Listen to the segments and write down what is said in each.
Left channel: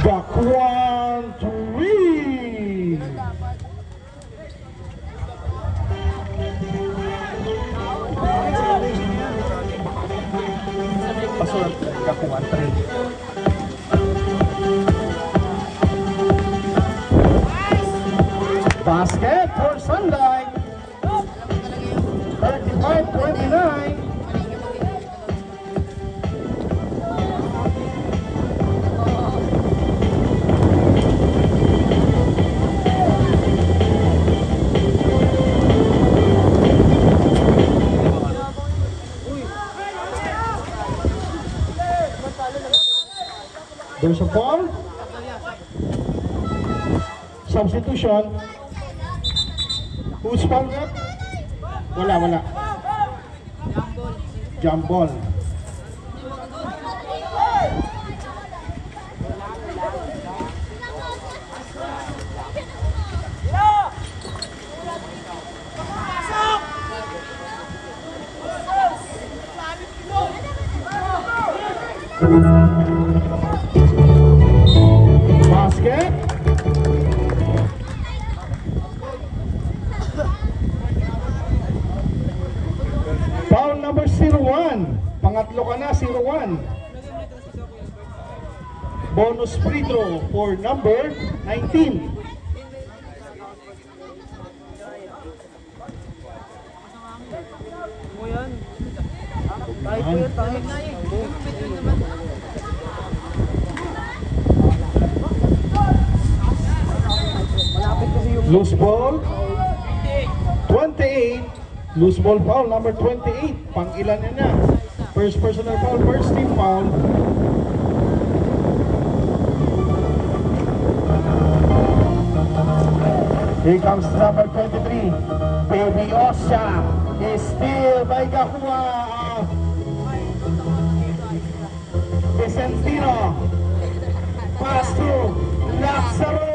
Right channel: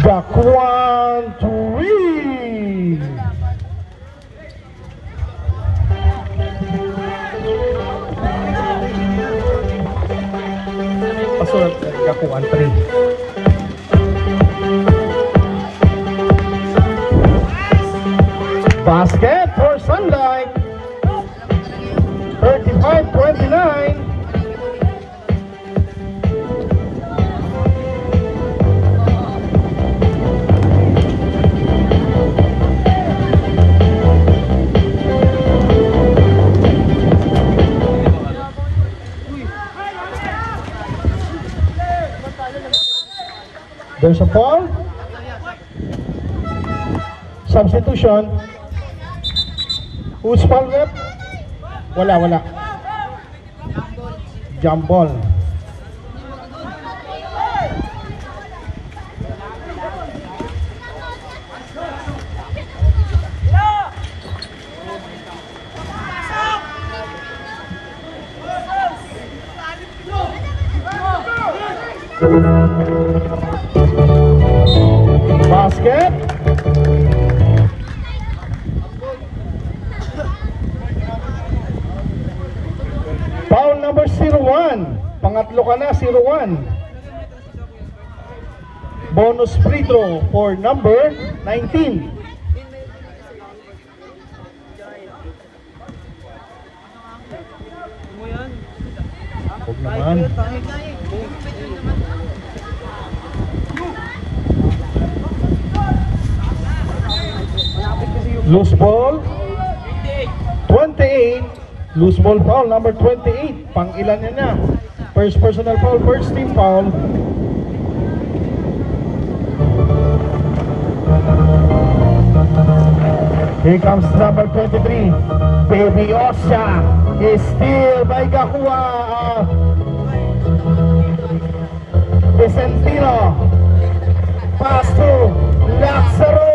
Dakuan Tui. Pasunod Dakuan 3. Basket for Sunlight. 35-29. There's a foul. Substitution. Who's fouled up? Wala. Jump ball. Basket. Foul number 01. Pangatlo ka na, 01. Bonus free throw for number 19. Loose ball 28. Loose ball foul number 28. Pang ilan niya na? First personal foul, first team foul. Here comes number 23. Baby Osha is still by Gakua. Vicentino. Pass to Lazaro.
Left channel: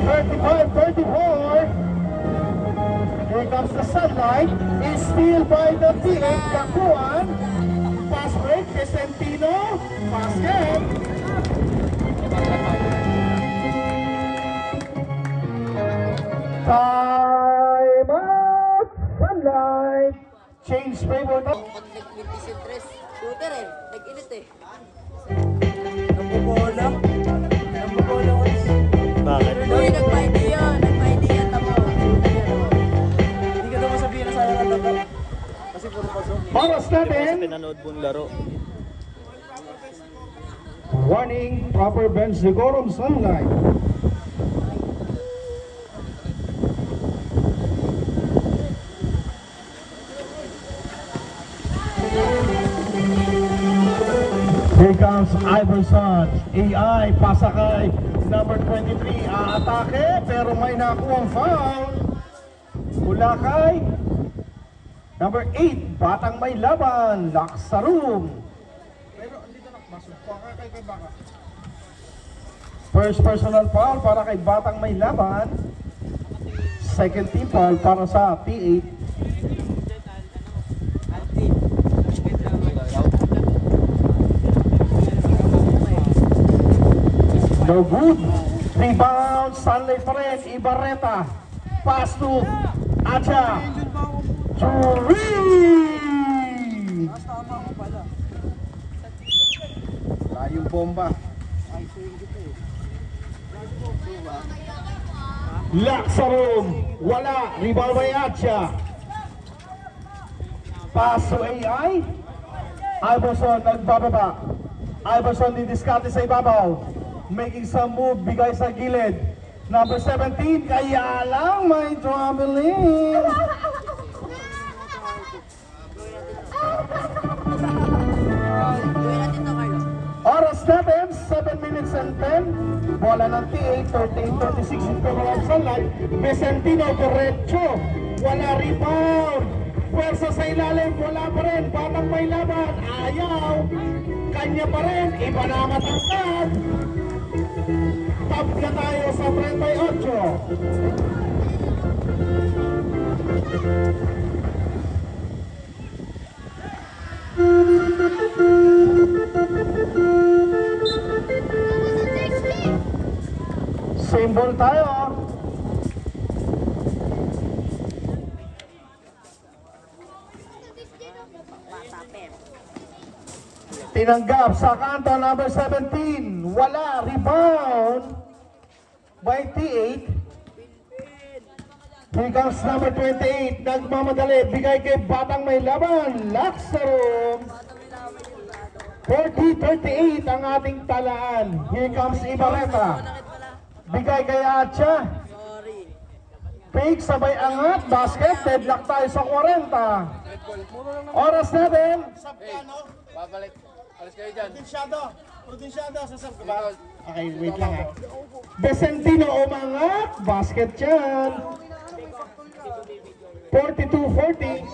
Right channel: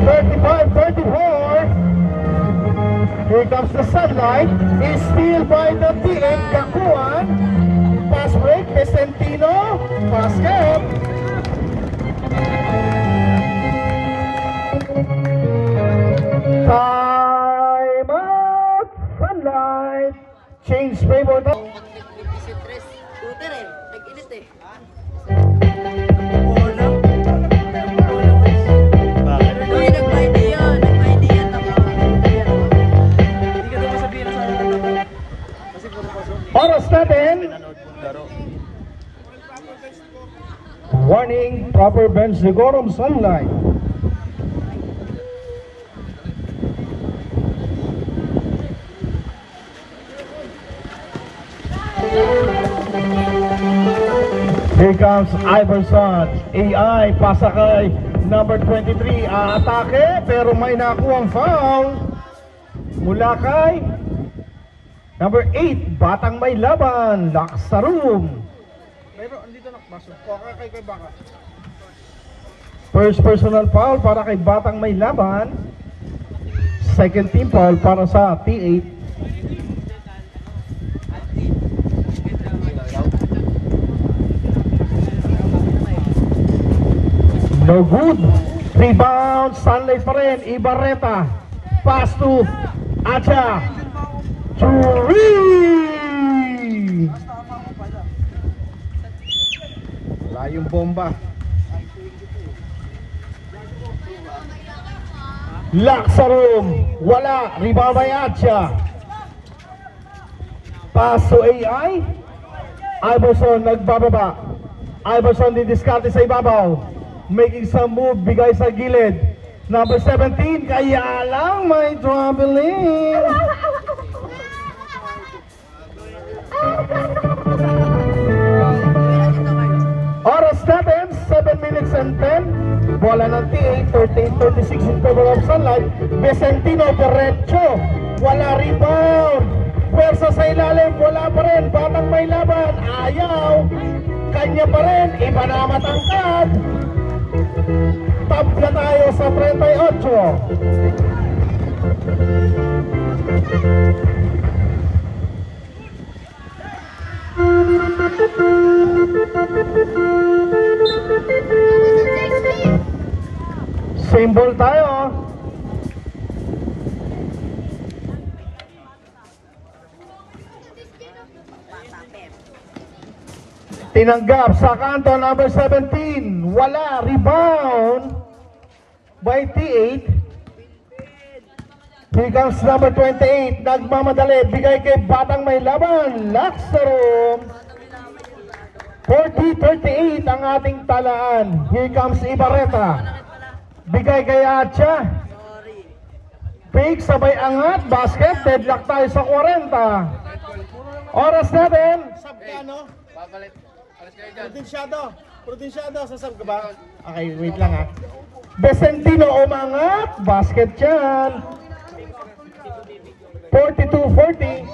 35-34. Here comes the Sunlight. Is still by the team. Gakuan. Pass break. Vicentino. Basket. Time out. Sunlight. Change favor now. Shooter eh. Nag-init eh. Oras natin. Warning, proper bench decorum. Sunlight. Here comes Iverson. AI, pasa kay number 23. Atake, pero may nakuha ang foul. Mula kay number 8, Batang May Laban. Laksarum. First personal foul para kay Batang May Laban. Second team foul para sa T8. No good. Rebound. Sunlight pa rin. Ibarreta. Pass to Acha. Three. Layong bomba. Laksarum. Wala. Rebound by Acha. Pass to AI. Iverson nagbababa. Iverson didiskarte sa ibabaw. Making some move, bigay sa gilid. Number 17, kaya lang may traveling. Oras natin, 7 minutes and 10. Bola ng T8, 38-36 in favor of Sunlight. Vicentino, derecho. Wala rebound. Pwersa sa ilalim, wala pa rin. Batang may laban, ayaw. Kanya pa rin, iba na matangkad. Tabla tayo sa 38. Symbol tayo. Tinanggap sa kanto number 17. Wala. Rebound by T8. Here comes number 28. Nagmamadali. Bigay kay Batang May Laban. Laksaro. 40-38 ang ating talaan. Here comes Ibarreta. Bigay kay Atcha. Pick, sabay angat. Basket. Deadlock tayo sa 40. Oras natin. Babalik. Alas kayo dyan. Protinsyado. Sasag ka ba? Okay, wait lang ha. Vicentino umangat. Basket yan. 42-40.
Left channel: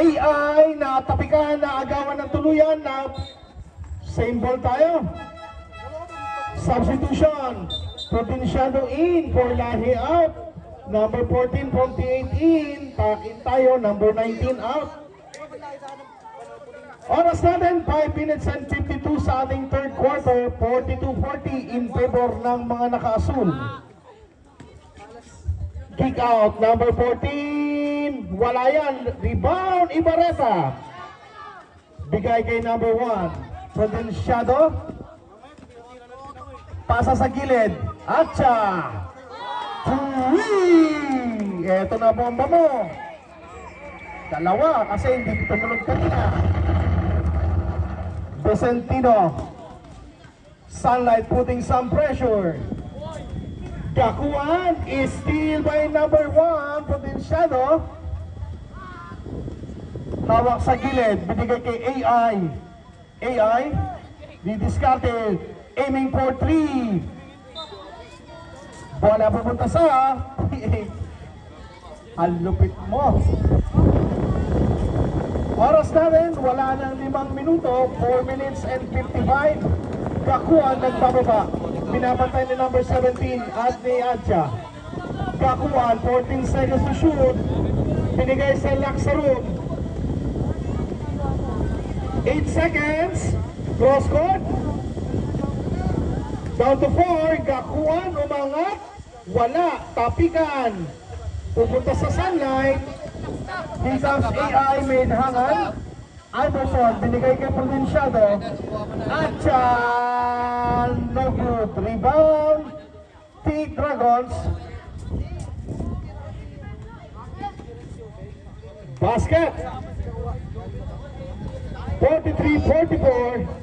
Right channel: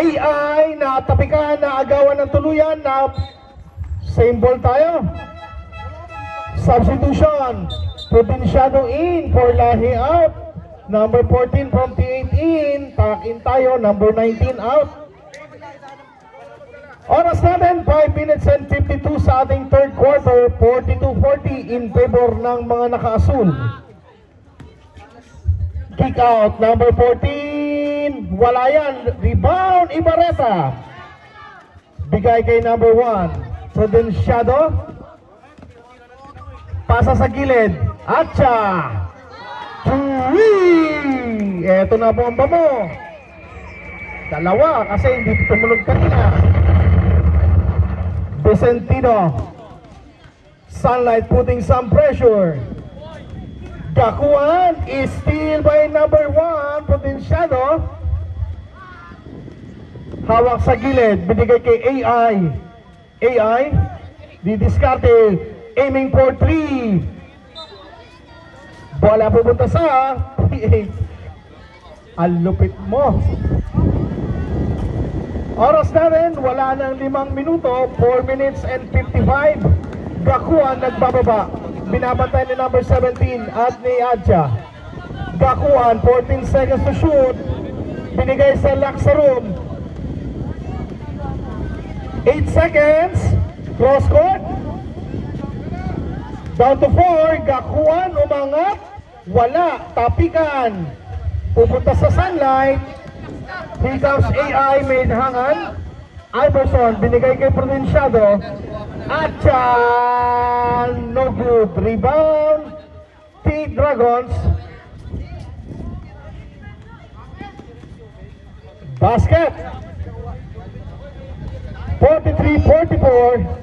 AI na tapikan na agawan ng tuluyan na same ball tayo. Substitution. Protinsyado in for Lahi out. Number 14 from T8 in. Takin tayo. Number 19 out. Oras natin 5 minutes and 52 sa ating third quarter. 42-40 in favor ng mga naka-asul. Kick out. Number 14. Wala yan. Rebound. Ibarreta. Bigay kay number 1. Prudensyado. Pasa sa gilid. Atcha. Three! Eto na bomba mo. Dalawa kasi hindi tumulog kanina. Vicentino. Sunlight putting some pressure. Gakuan is still by number 1. Potensyado. Hawak sa gilid. Binigay kay AI. AI. Didiskarte. Aiming for 3. Bola pupunta sa T8. Ang lupit mo. Oras namin, wala nang 5 minuto. 4 minutes and 55. Gakuan nagbababa. Binabatay ni number 17 at ni Adja. Gakuan, 14 seconds to shoot. Binigay sa Laksaro. 8 seconds. Cross court. Down to 4. Gakuan, umangat. Wala. Tapikan. Pupunta sa sunlight. Here comes AI. Main hangan. Iverson. Binigay kay Provinciado. Achan. No good. Rebound. T-Dragons. Basket. 43-44.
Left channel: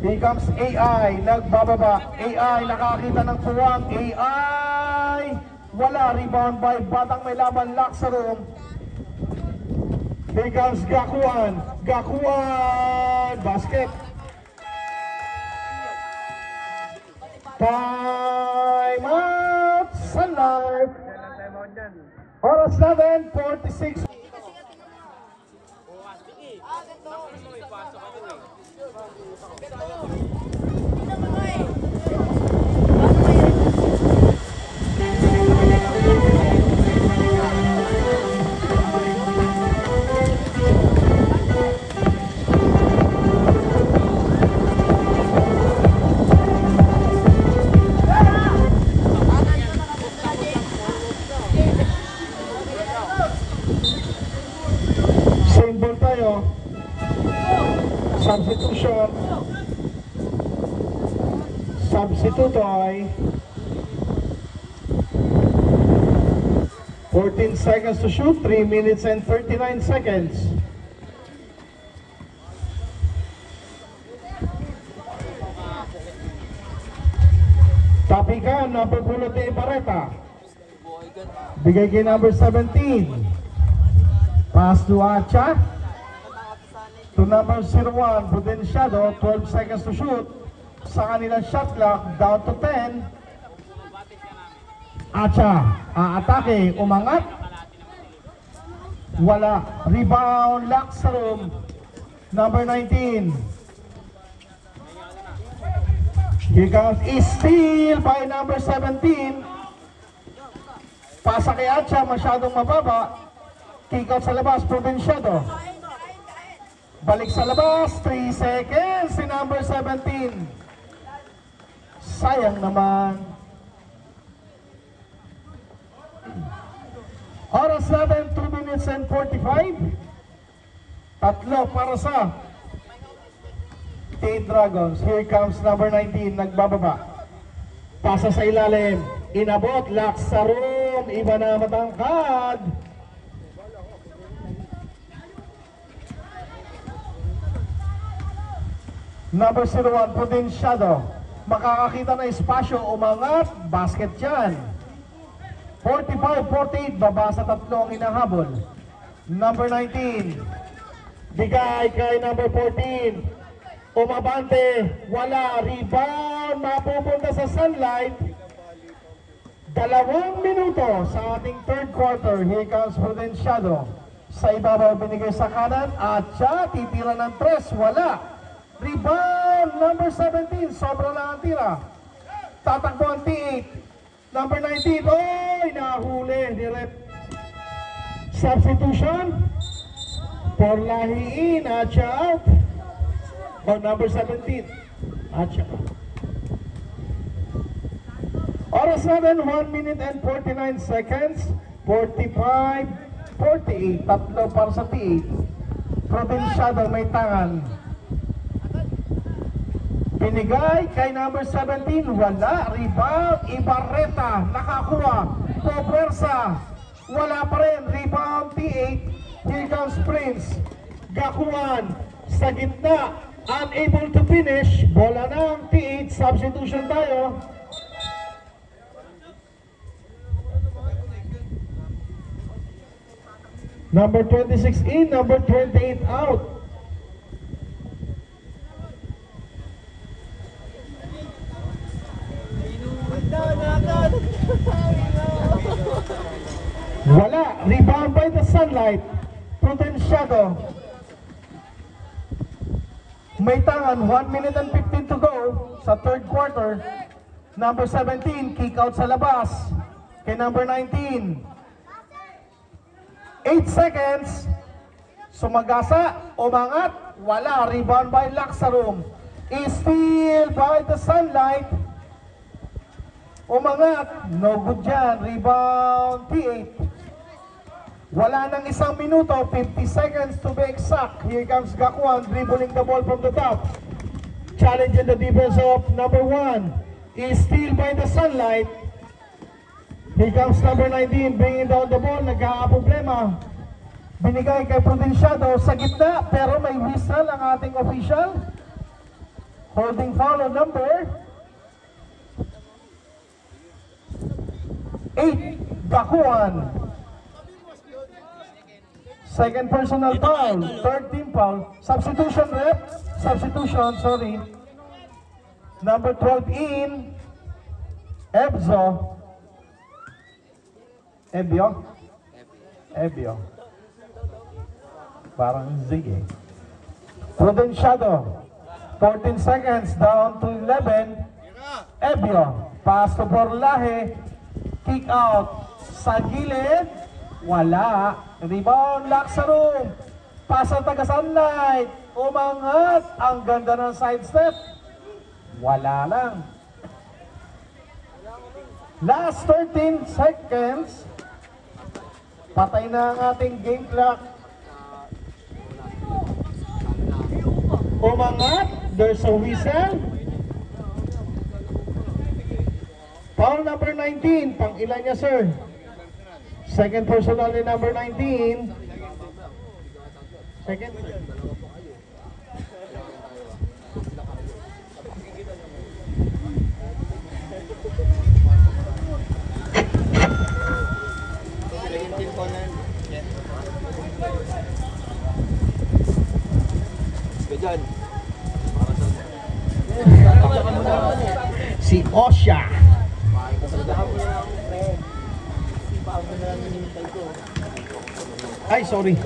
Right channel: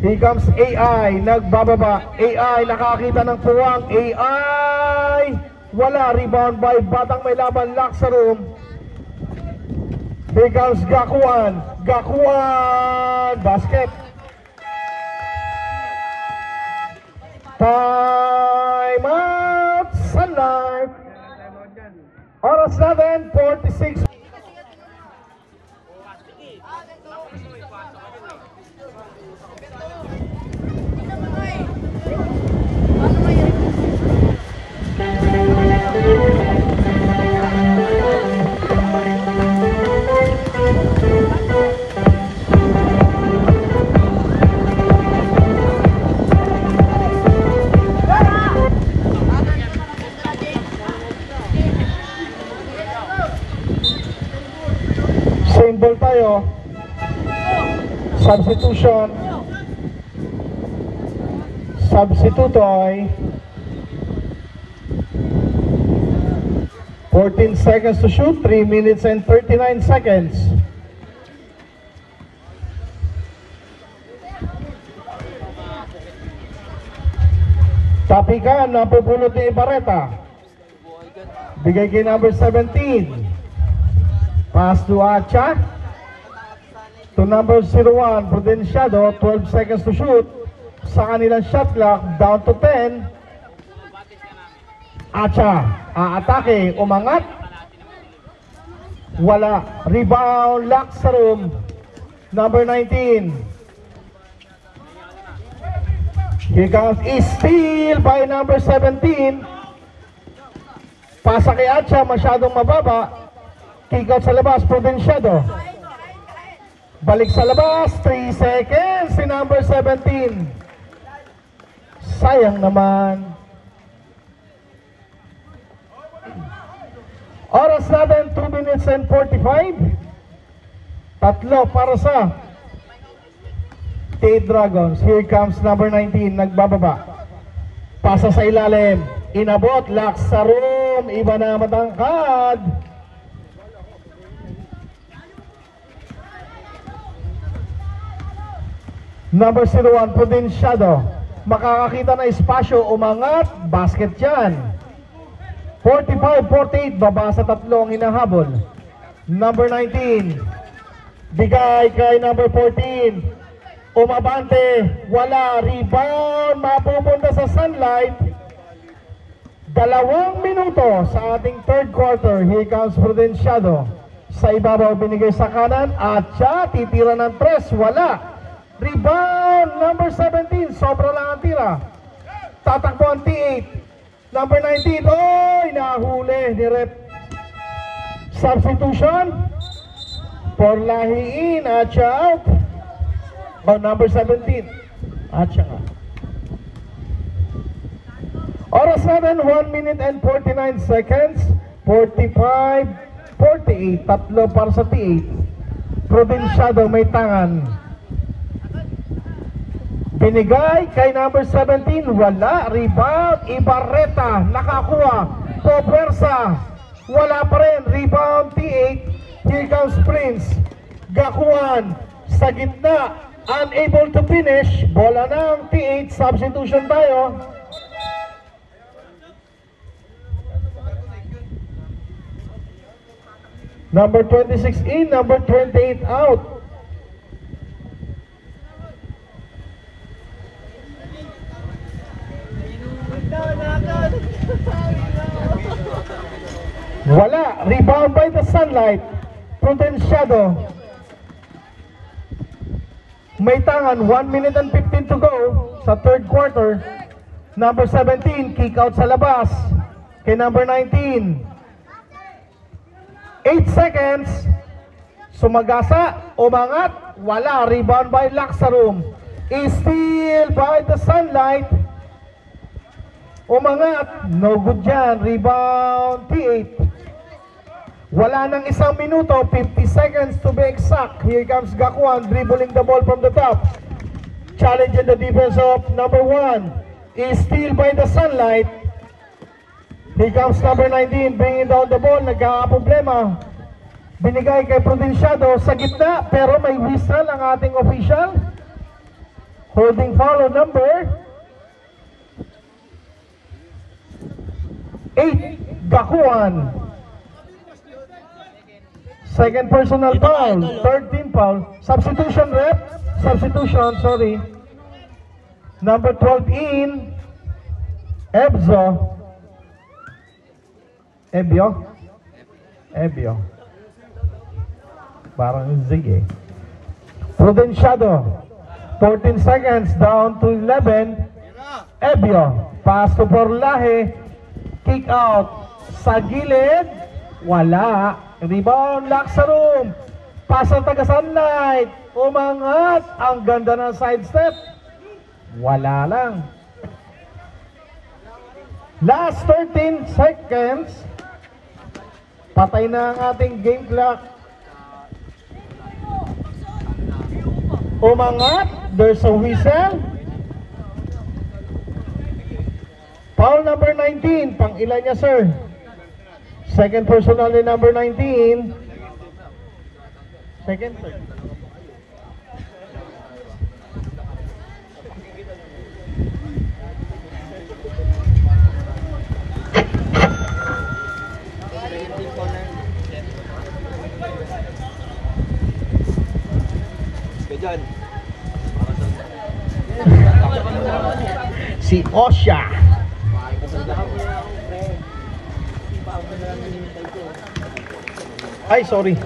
Here comes AI, nagbababa. AI, nakakita ng puwang. AI, wala. Rebound by Batang May Laban, Laksaro. Here comes Gakuan. Gakuan, basket. Time out, Sunlight. Oras natin, 46. Symbol tayo. Substitution. Substitutoy. 14 seconds to shoot. 3 minutes and 39 seconds. Tapikan na pupulot ni Ibarreta. Bigay kay number 17. Pass to Acha. To number 01, Prudenciado. 12 seconds to shoot. Sa kanilang shot clock, down to 10. Acha, atake, umangat. Wala. Rebound, lock sa room. Number 19. Here comes steal by number 17. Pasa kay Acha, masyadong mababa. Kick out sa labas, Provinciado. Balik sa labas, 3 seconds si number 17. Sayang naman. Oras natin, 2 minutes and 45. Tatlo para sa Tate Dragons. Here comes number 19, nagbababa. Pasa sa ilalim. Inabot, lock sa room. Iba na matangkad. Number 01, Provinciado. Makakakita na espasyo, umangat, basket yan. 45-48, baba sa tatlong hinahabol. Number 19, bigay kay number 14. Umabante, wala, rebound, mapupunta sa Sunlight. 2 minuto sa ating third quarter. Here comes Provinciado. Sa ibabaw binigay sa kanan, at siya titira ng 3, wala. Rebound, number 17, sobra lang ang tira. Tatakbo ang T8. Number 19, oy, nahuli ni Rep. Substitution. Porlahiin, at siya out. O, number 17, at siya out. Oras natin, 1 minute and 49 seconds. 45-48, tatlo para sa T8. Provinciado may tangan. Binigay kay number 17, wala. Rebound, Ibarreta, nakakuha. Cobersa, wala pa rin. Rebound, T8. Here comes Prince. Gakuan, sa gitna, unable to finish. Bola ng T8, substitution tayo. Number 26 in, number 28 out. Wala. Rebound by the Sunlight. Provinciado. May tangan. 1 minute and 15 to go sa third quarter. Number 17, kick out sa labas. Kay number 19. 8 seconds. Sumagasa. Umangat. Wala. Rebound by Laxarum. Steal by the Sunlight. Umangat. No good dyan. Rebound. T8. Wala nang 1 minuto, 50 seconds to be exact. Here comes Gakuan, dribbling the ball from the top. Challenging the defense of number 1. Is steal by the Sunlight. Here comes number 19, bringing down the ball. Nagkakaproblema. Binigay kay Provinciado sa gitna, pero may whistle ang ating official. Holding foul number 8, Gakuan. Second personal foul, third team foul, substitution rep, substitution, sorry. Number 12 in, Ebio. Parang zig eh. Provinciado, 14 seconds, down to 11. Ebio, pass to Porlahe, kick out, sa gilid, wala. Rebound, Laxarum. Pasang taga Sunlight. Umangat. Ang ganda ng sidestep. Wala lang. Last 13 seconds. Patay na ang ating game clock. Umangat. There's a whistle. Foul number 19. Pang ilan niya, sir? Second personal ni number 19. Second, sir. Si Osha. Ay, sorry.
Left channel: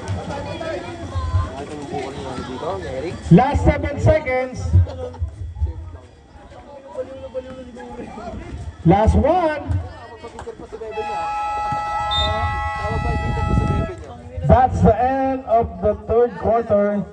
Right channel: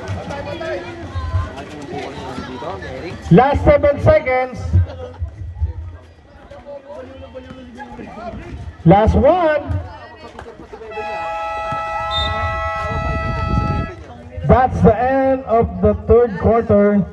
Last 7 seconds. Last one. That's the end of the third quarter.